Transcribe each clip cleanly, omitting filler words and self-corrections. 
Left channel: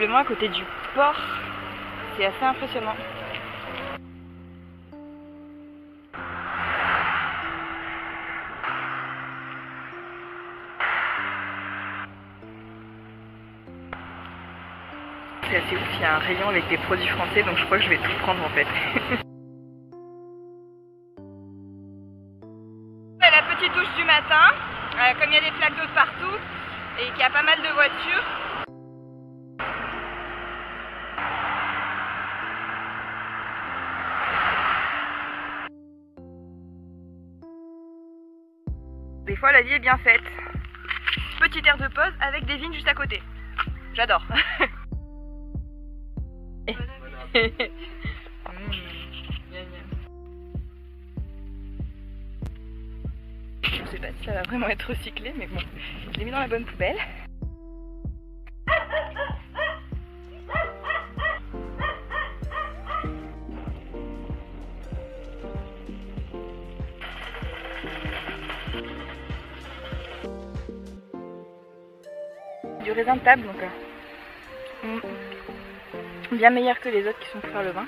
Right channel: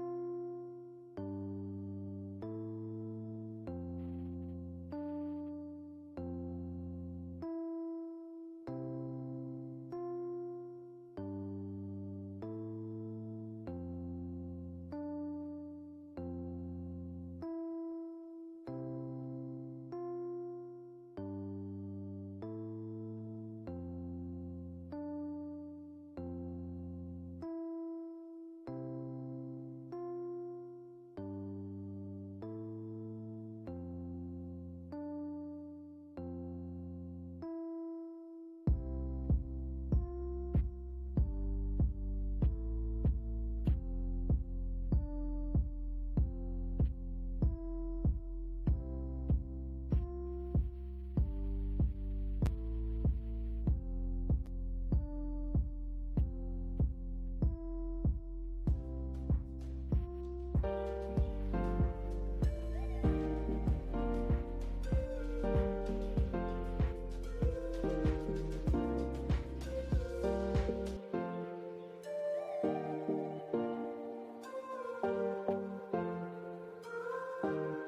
visiblement à côté du port. C'est assez impressionnant. C'est assez ouf, il y a un rayon avec des produits français, donc je crois que je vais tout prendre en fait. La petite douche du matin, comme il y a des flaques d'eau de partout et qu'il y a pas mal de voitures. Des fois la vie est bien faite. Petite aire de pause avec des vignes juste à côté. J'adore. Je sais pas si ça va vraiment être recyclé, mais bon, je l'ai mis dans la bonne poubelle. Du raisin de table, donc bien meilleur que les autres qui sont pour faire le vin.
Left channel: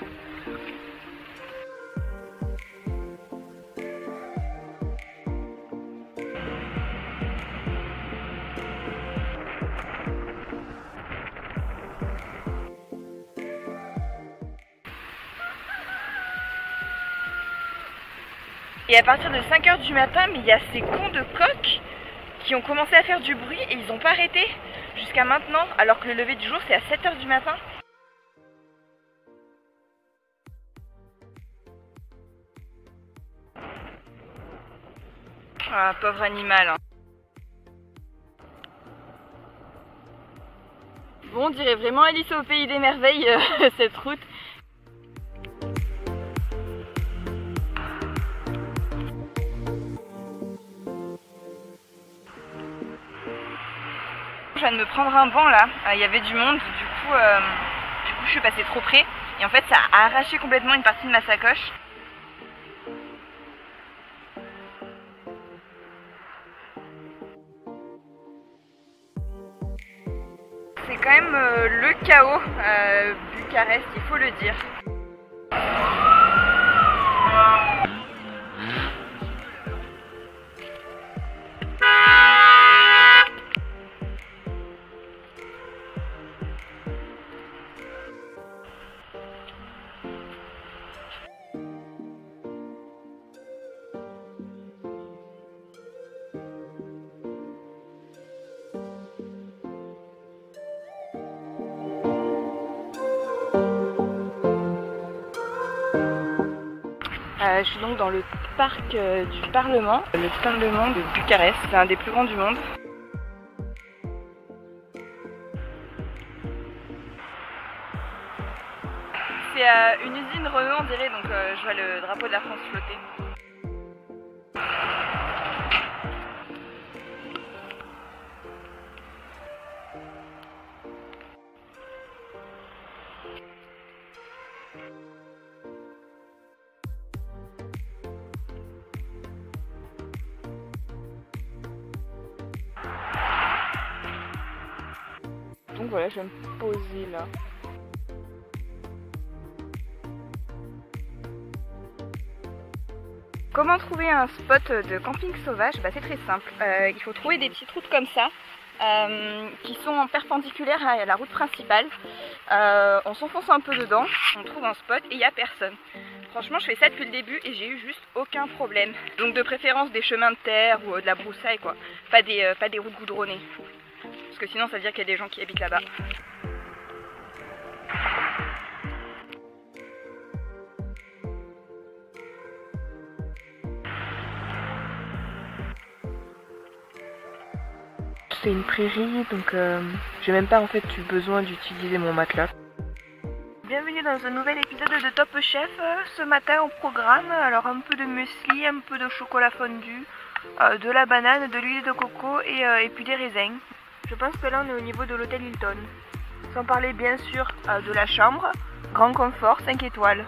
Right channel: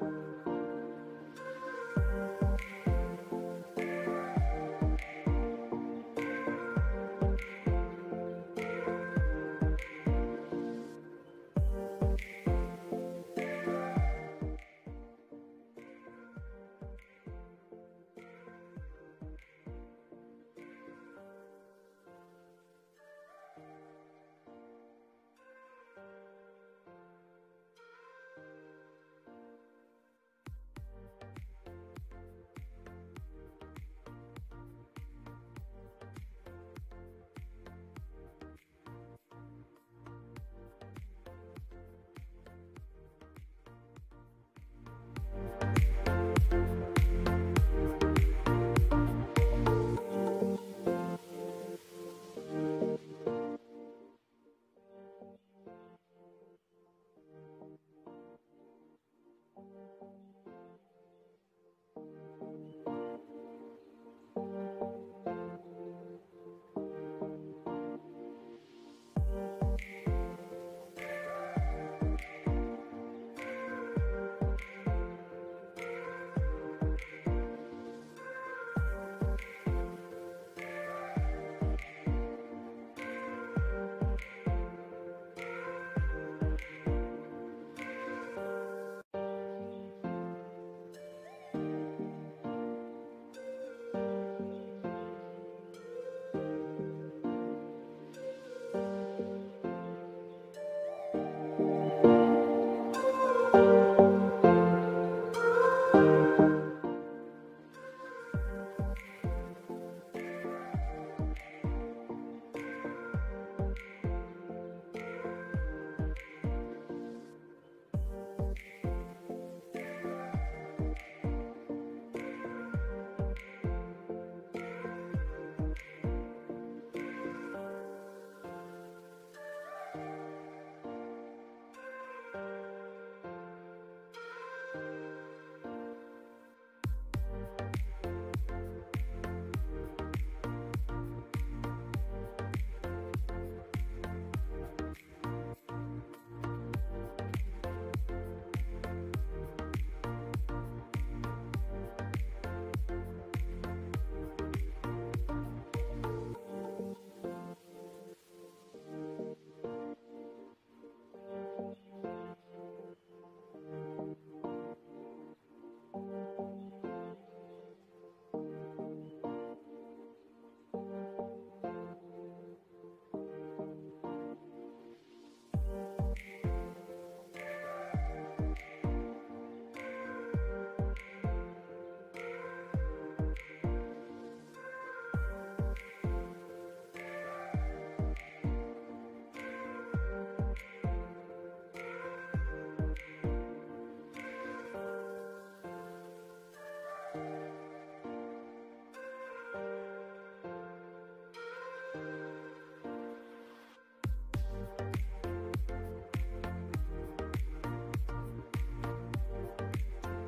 Et à partir de 5 h du matin, mais il y a ces cons de coqs qui ont commencé à faire du bruit et ils n'ont pas arrêté jusqu'à maintenant, alors que le lever du jour c'est à 7 h du matin. Ah, pauvre animal. Hein. Bon, on dirait vraiment Alice au pays des merveilles, cette route. Je viens de me prendre un banc là, il y avait du monde, du coup je suis passée trop près et en fait ça a arraché complètement une partie de ma sacoche. C'est quand même le chaos, Bucarest, il faut le dire. Je suis donc dans le parc du Parlement, le Parlement de Bucarest, c'est un des plus grands du monde. C'est une usine Renault on dirait, donc je vois le drapeau de la France flotter. Donc voilà, je vais me poser là. Comment trouver un spot de camping sauvage? C'est très simple. Il faut trouver des petites routes comme ça, qui sont perpendiculaires à la route principale. On s'enfonce un peu dedans, on trouve un spot et il n'y a personne. Franchement, je fais ça depuis le début et j'ai eu juste aucun problème. Donc de préférence des chemins de terre ou de la broussaille, quoi. Pas des routes goudronnées. Parce que sinon ça veut dire qu'il y a des gens qui habitent là-bas. C'est une prairie, donc j'ai même pas en fait eu besoin d'utiliser mon matelas. Bienvenue dans un nouvel épisode de Top Chef. Ce matin au programme, alors un peu de muesli, un peu de chocolat fondu, de la banane, de l'huile de coco et puis des raisins. Je pense que là on est au niveau de l'hôtel Hilton. Sans parler bien sûr de la chambre, grand confort, 5 étoiles.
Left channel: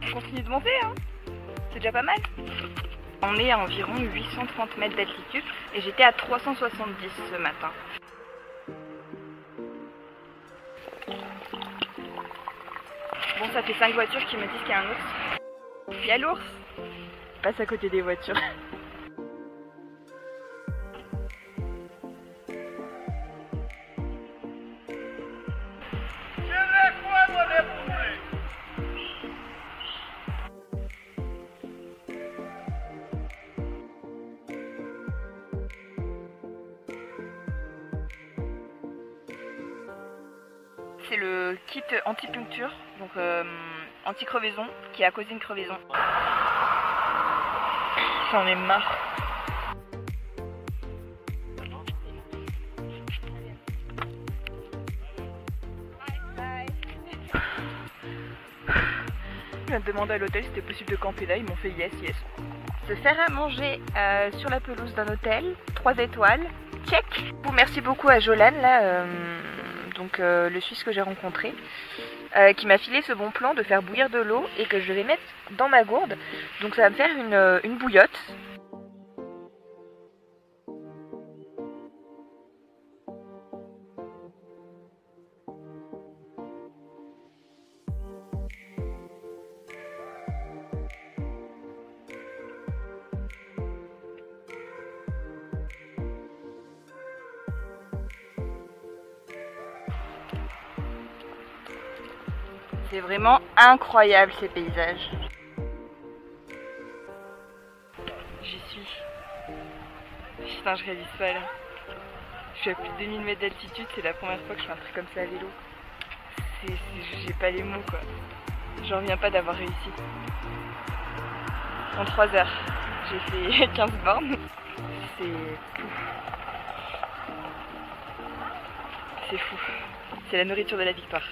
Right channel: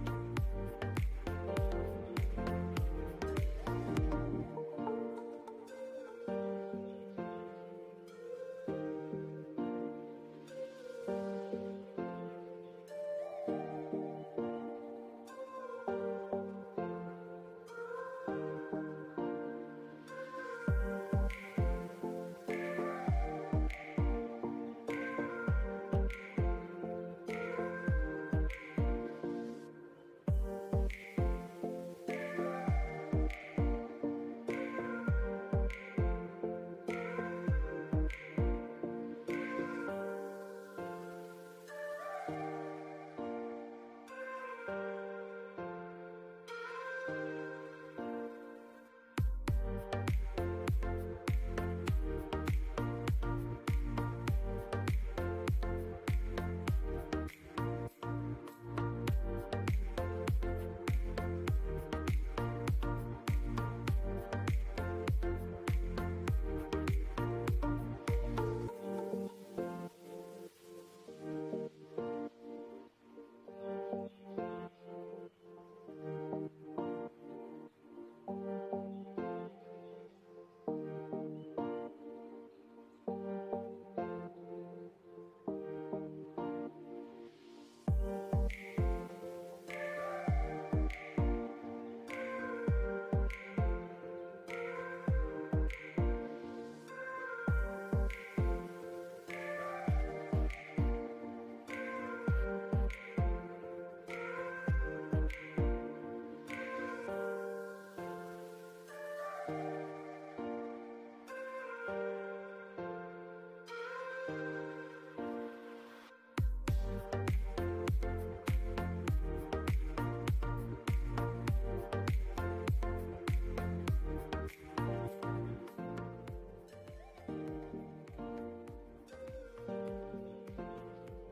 On continue de monter, hein. C'est déjà pas mal. On est à environ 830 mètres d'altitude et j'étais à 370 ce matin. Bon, ça fait 5 voitures qui me disent qu'il y a un ours. Il y a l'ours. Passe à côté des voitures. C'est le kit anti-puncture, donc anti-crevaison, qui a causé une crevaison. J'en ai marre. Je viens de demander à l'hôtel si c'était possible de camper là, ils m'ont fait yes. Se faire à manger sur la pelouse d'un hôtel, 3 étoiles, check. Merci beaucoup à Jolan là. Donc le Suisse que j'ai rencontré, qui m'a filé ce bon plan de faire bouillir de l'eau et que je vais mettre dans ma gourde. Donc ça va me faire une bouillotte. C'est vraiment incroyable ces paysages. J'y suis. Putain, je réalise pas là. Je suis à plus de 2000 mètres d'altitude, c'est la première fois que je fais un truc comme ça à vélo. J'ai pas les mots quoi. J'en reviens pas d'avoir réussi. En 3 heures, j'ai fait 15 bornes. C'est fou. C'est la nourriture de la victoire.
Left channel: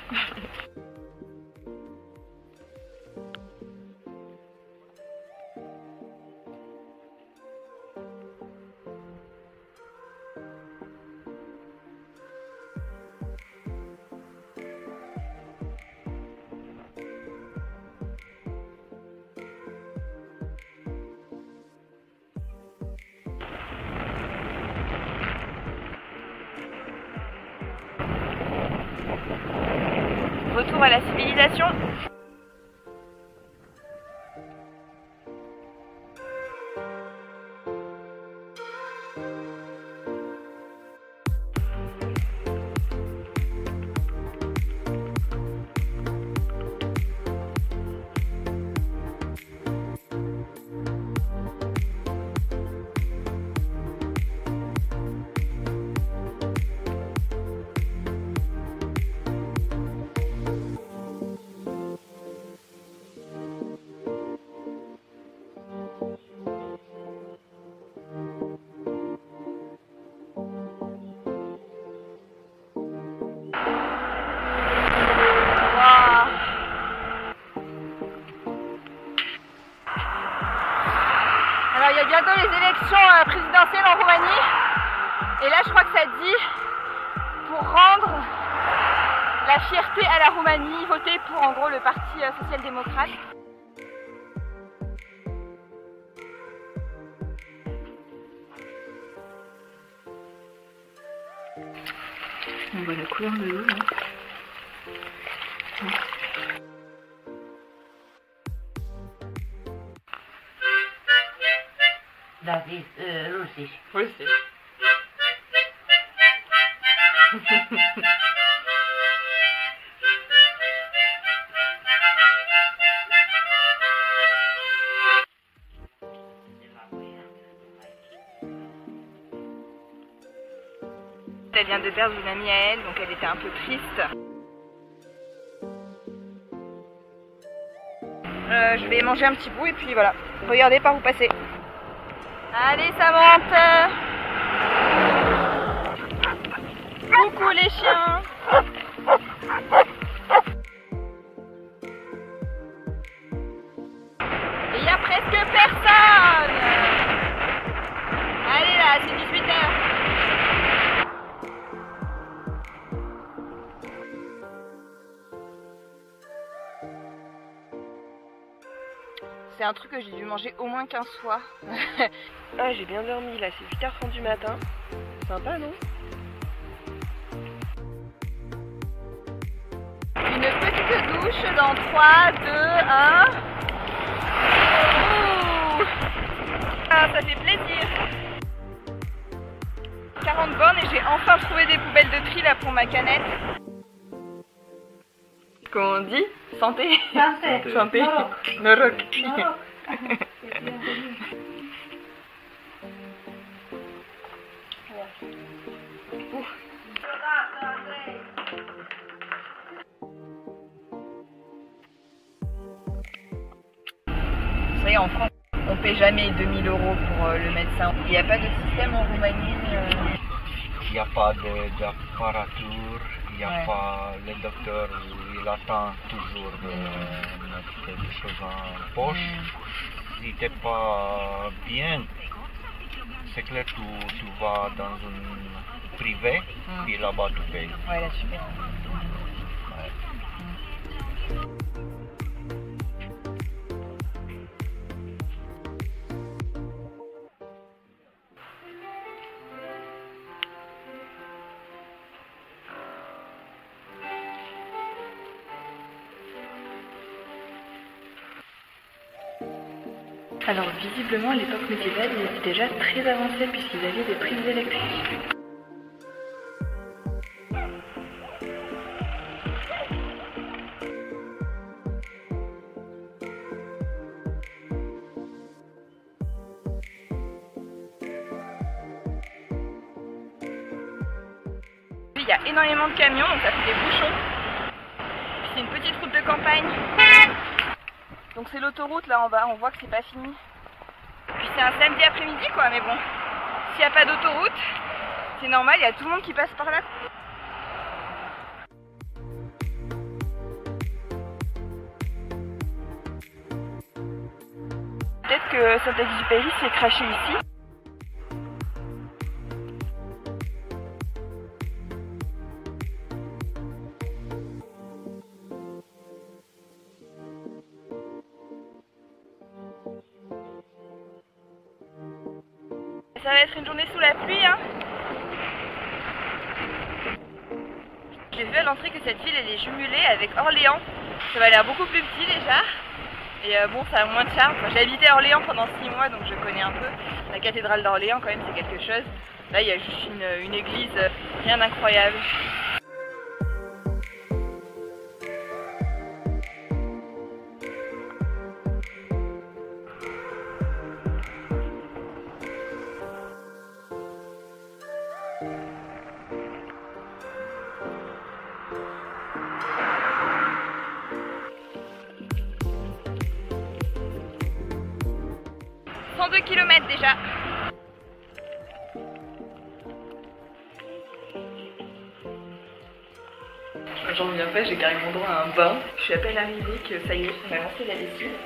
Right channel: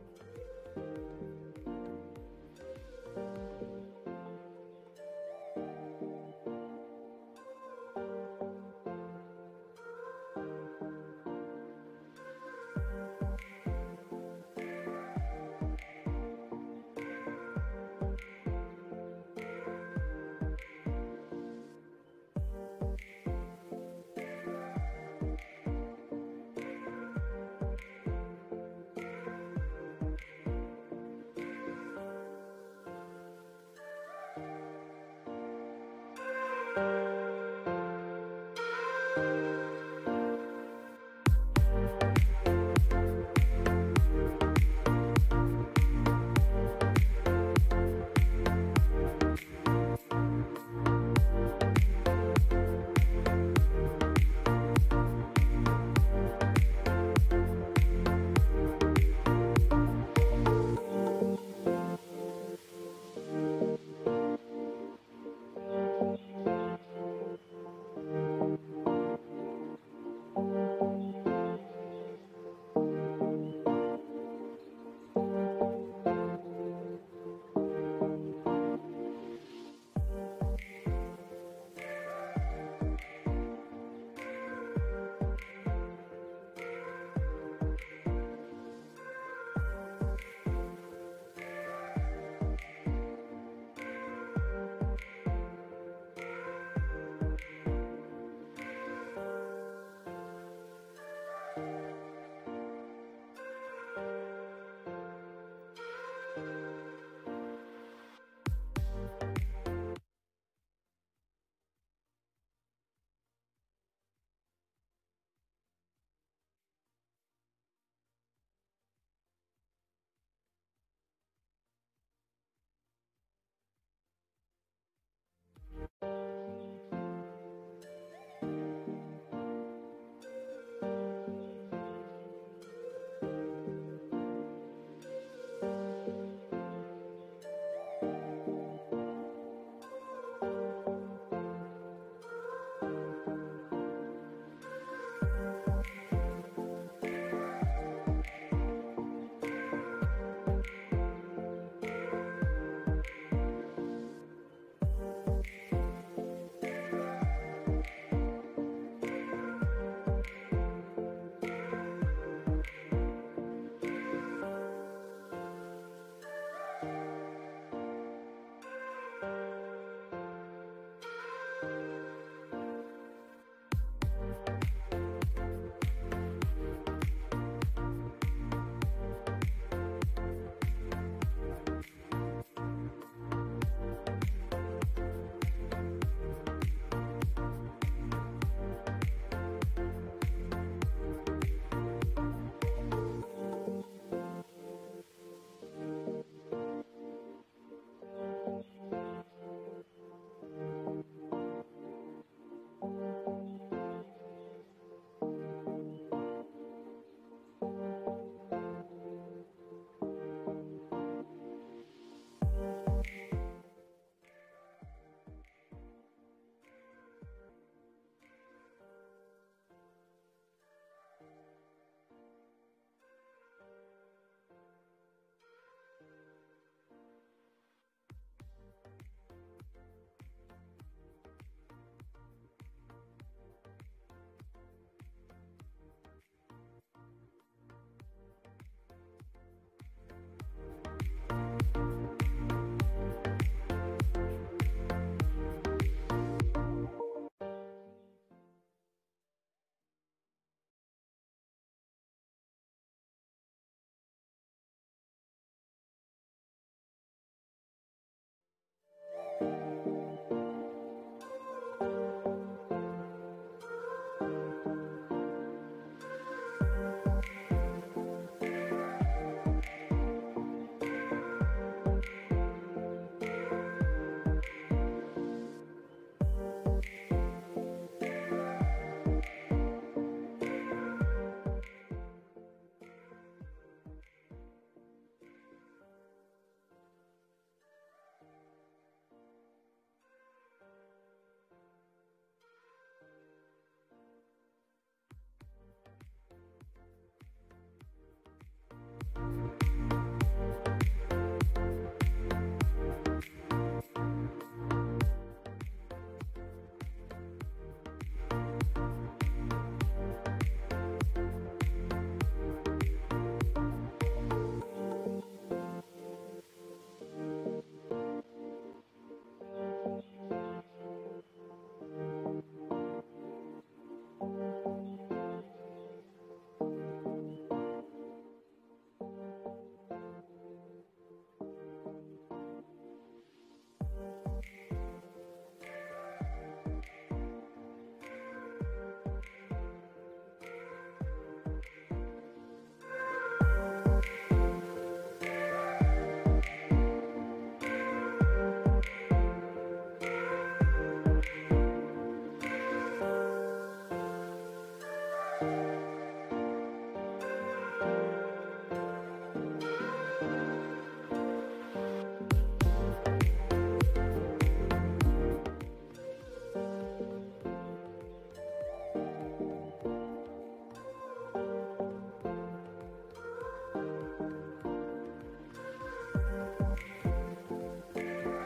Retour à la civilisation. Alors il y a bientôt les élections présidentielles en Roumanie et là je crois que ça dit pour rendre la fierté à la Roumanie, voter pour en gros le parti social-démocrate. On voit la couleur de l'eau là. Das ist Russisch. Russisch. Elle vient de perdre une amie à elle, donc elle était un peu triste. Je vais manger un petit bout et puis voilà. Regardez par où passer. Allez, ça monte. Coucou les chiens. Et il y a presque personne. Allez là, c'est 18h. C'est un truc que j'ai dû manger au moins 15 fois. Ah, j'ai bien dormi là, c'est 8h30 du matin. Sympa, non? Une petite douche dans 3, 2, 1. Ouh. Ah, ça fait plaisir. 40 bornes et j'ai enfin trouvé des poubelles de tri là pour ma canette. Comment on dit? Santé. Santé. Santé. Norok. Norok. Norok. Vous savez, en France, on paie jamais 2000 € pour le médecin. Il n'y a pas de système en Roumanie. Il n'y a pas d'apparature, il n'y a pas le docteur, il attend toujours de mettre quelque chose en poche. Si tu n'es pas bien, c'est clair, tu vas dans un privé, puis là-bas tu payes. Ouais, là, super. Alors visiblement à l'époque médiévale ils étaient déjà très avancés puisqu'ils avaient des prises électriques. Il y a énormément de camions donc ça fait des bouchons. Puis c'est une petite route de campagne. Donc c'est l'autoroute là en bas, on voit que c'est pas fini. Puis c'est un samedi après-midi quoi, mais bon, s'il n'y a pas d'autoroute, c'est normal, il y a tout le monde qui passe par là. Peut-être que Saint-Exupéry s'est craché ici. Ça va être une journée sous la pluie, hein. J'ai vu à l'entrée que cette ville elle est jumelée avec Orléans. Ça va l'air beaucoup plus petit déjà. Et bon, ça a moins de charme. Enfin, j'ai habité à Orléans pendant 6 mois donc je connais un peu. La cathédrale d'Orléans quand même c'est quelque chose. Là il y a juste une église, rien d'incroyable. « 2 km déjà. J'en reviens pas, j'ai carrément droit à un bain. Je suis à peine arrivée que ça y est, on a lancé la lessive.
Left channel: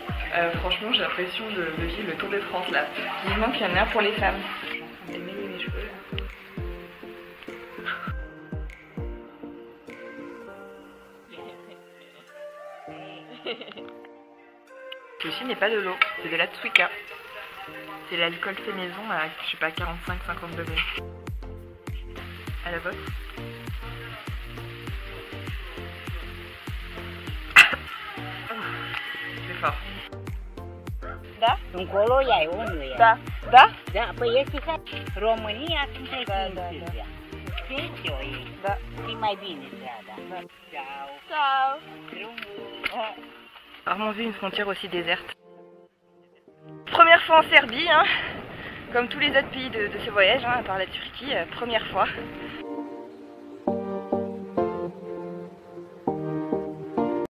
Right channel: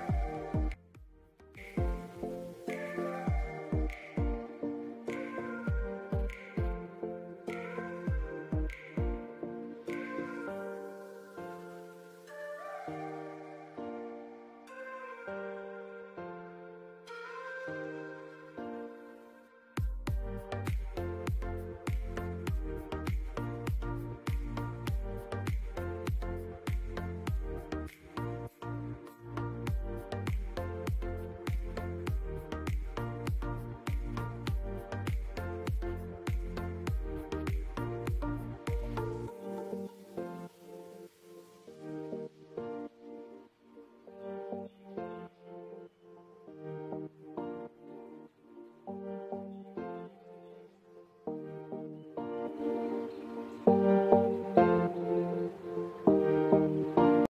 Franchement, j'ai l'impression de vivre le Tour de France là. Vivement qu'il y en a un pour les femmes. Je vais mêler mes cheveux là. Ceci n'est pas de l'eau, c'est de la Tswika. C'est l'alcool fait maison à, je sais pas, 45-50 degrés. À la bosse. C'est fort. Da? Încolo ea e, unul e. Da. Da? Da, păi este ca România, sunt da. Știți o e. Da. E mai bine, da. Ciao. Ciao. Rarement vu une frontière aussi déserte. Première fois en Serbie, hein, comme tous les autres pays de ce voyage, hein, à part la Turquie, première fois.